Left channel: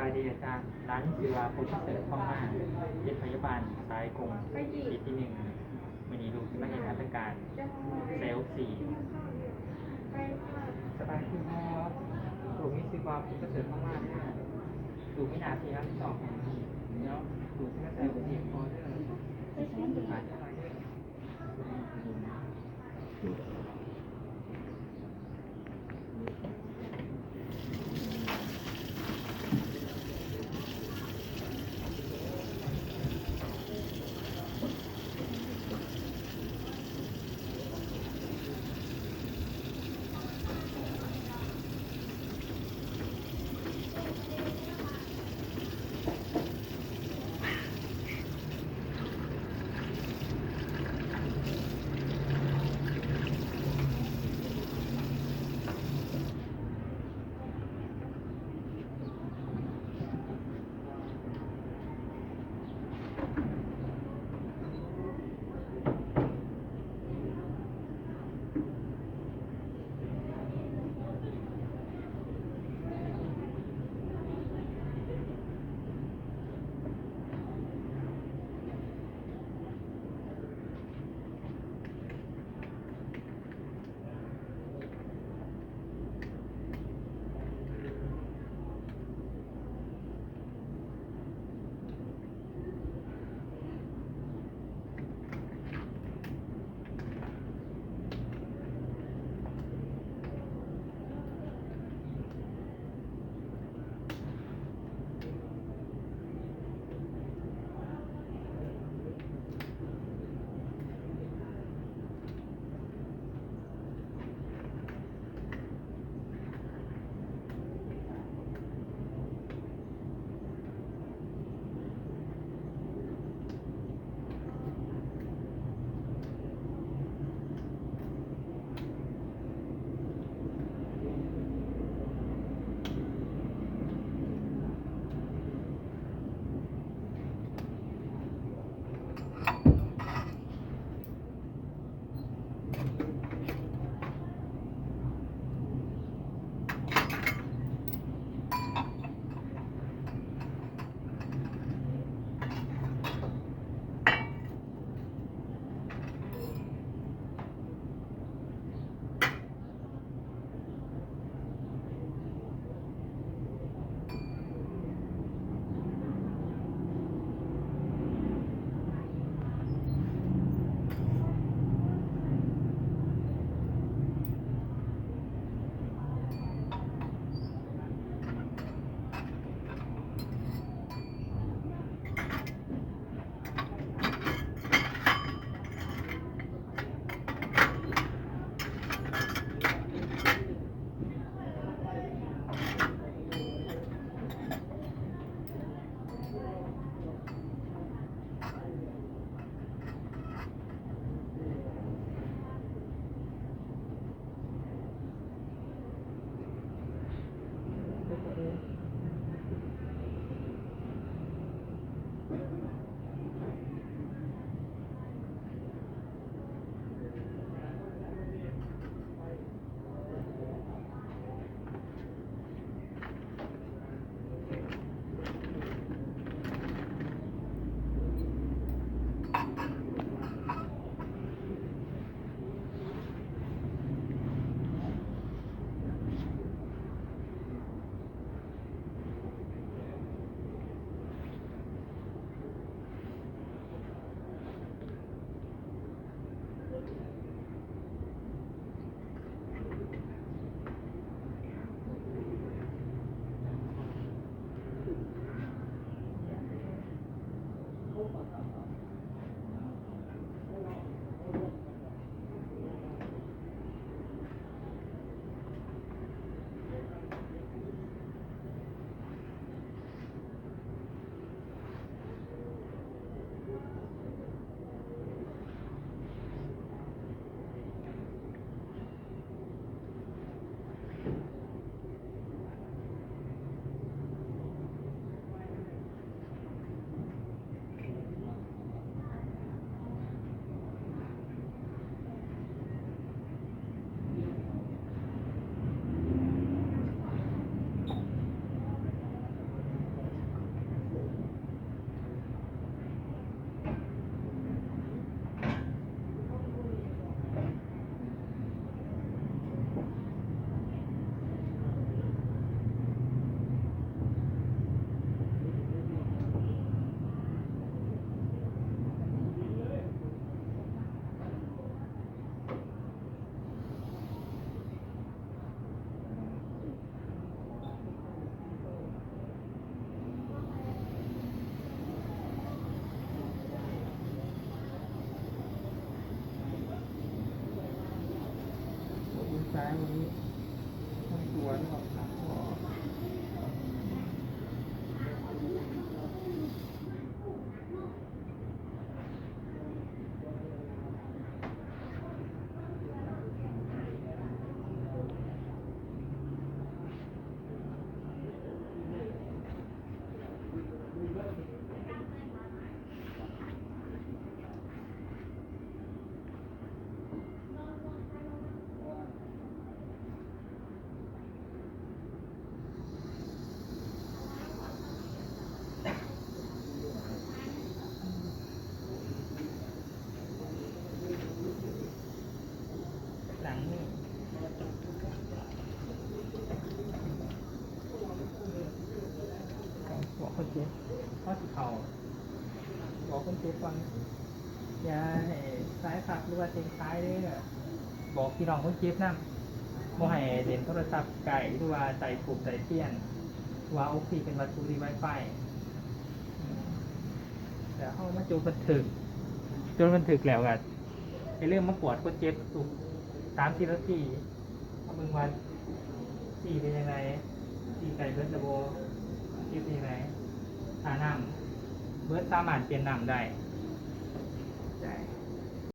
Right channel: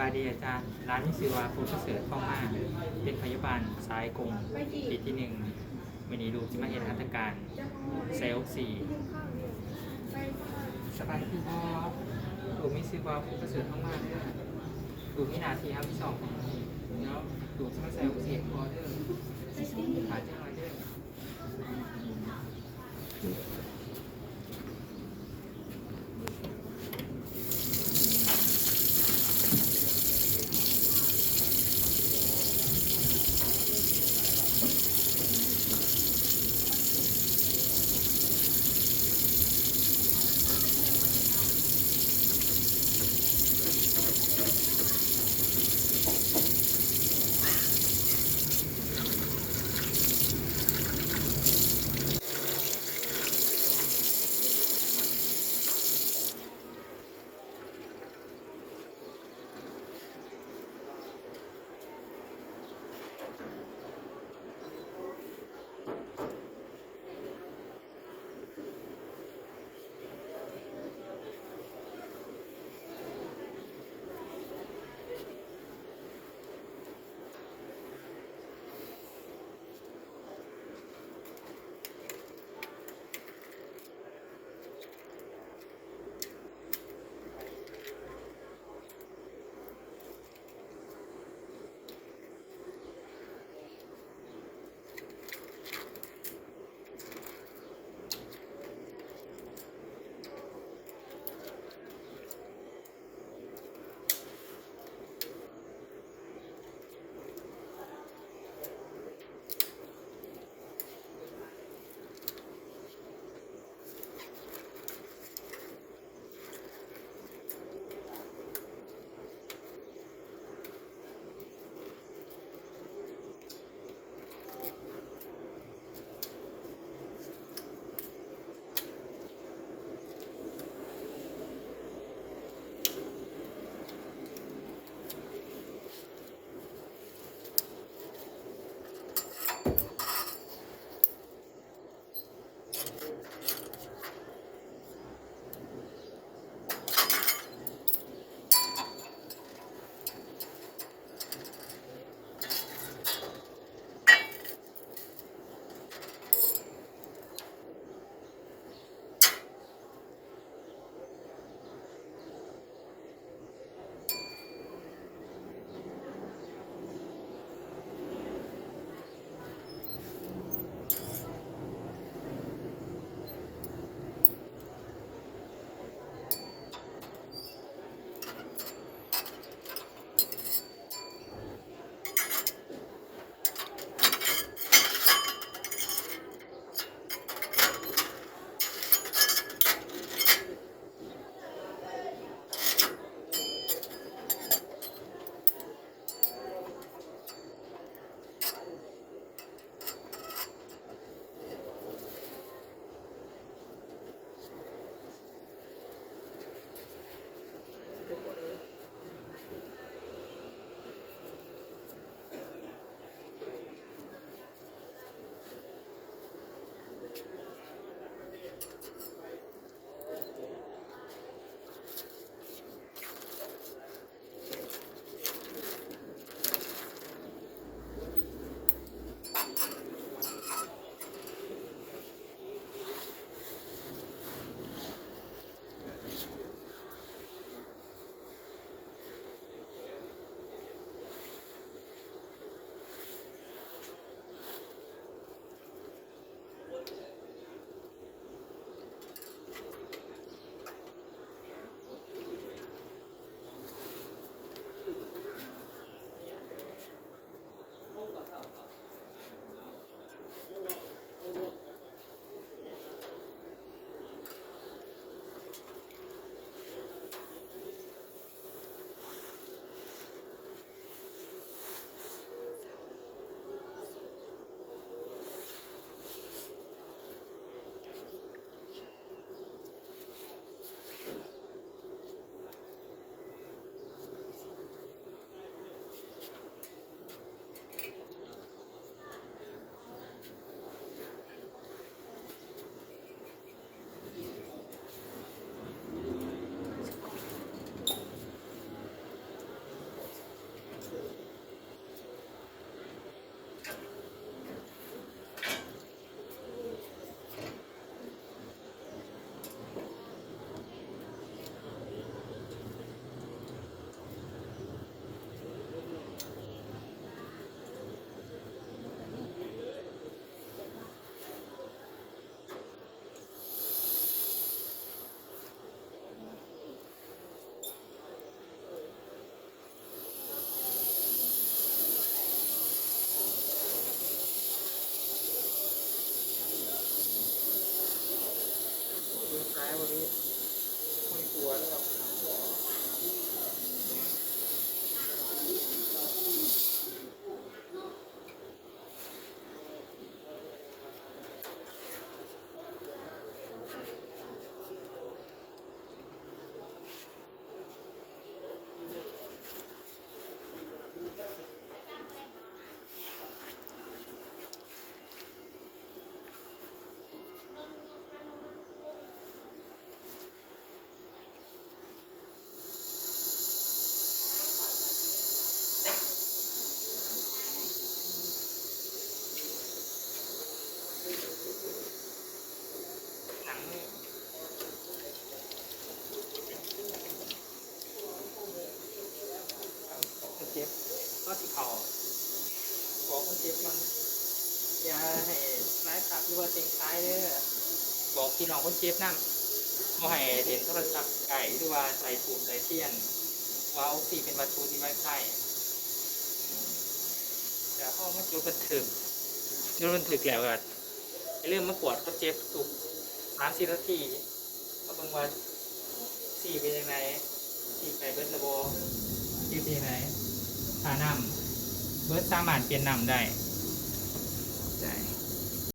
บายดีอาจารย์ร้านนี้ชื่อว่าพุทธเสริฐท่องมาเป็นพยาบาลสายกงปีที่หนึ่งวันนี้ลูกจะมาเห็นหัตถการเซลล์สี่สบายดีพอลูกมีชื่อว่าพุทธเสริฐท่องมาเนี่ยลูกมีหนาทีครับที่สองแล้วลูกจะมาเซลล์สี่พอเด้อหาจังไรเด้อ เจ็บก็สิเขาบอกคนเจ็บก่อนอย่าให้ซ้ายผักหรือว่าเต็งซ้ายเด้อบอกพี่น้องคนเจ็บนั่นบ่ให้เล่นโทรศัพท์ไก่หรือว่าใส่ถูกใส่เทียนว่าออกซิเป็นวัตถุที่ไวไฟแต่เข้ามาโจนบันทึกแล้วกันในเรื่องมากวดคนเจ็บถูก30 นาทีเอาเบิ่งว่าสี่เป็นยังไงสี่ไปเบิร์ดระโบสี่เป็นยังไงหานำเบิร์ดสามารถเปลี่ยนนำได้ใช่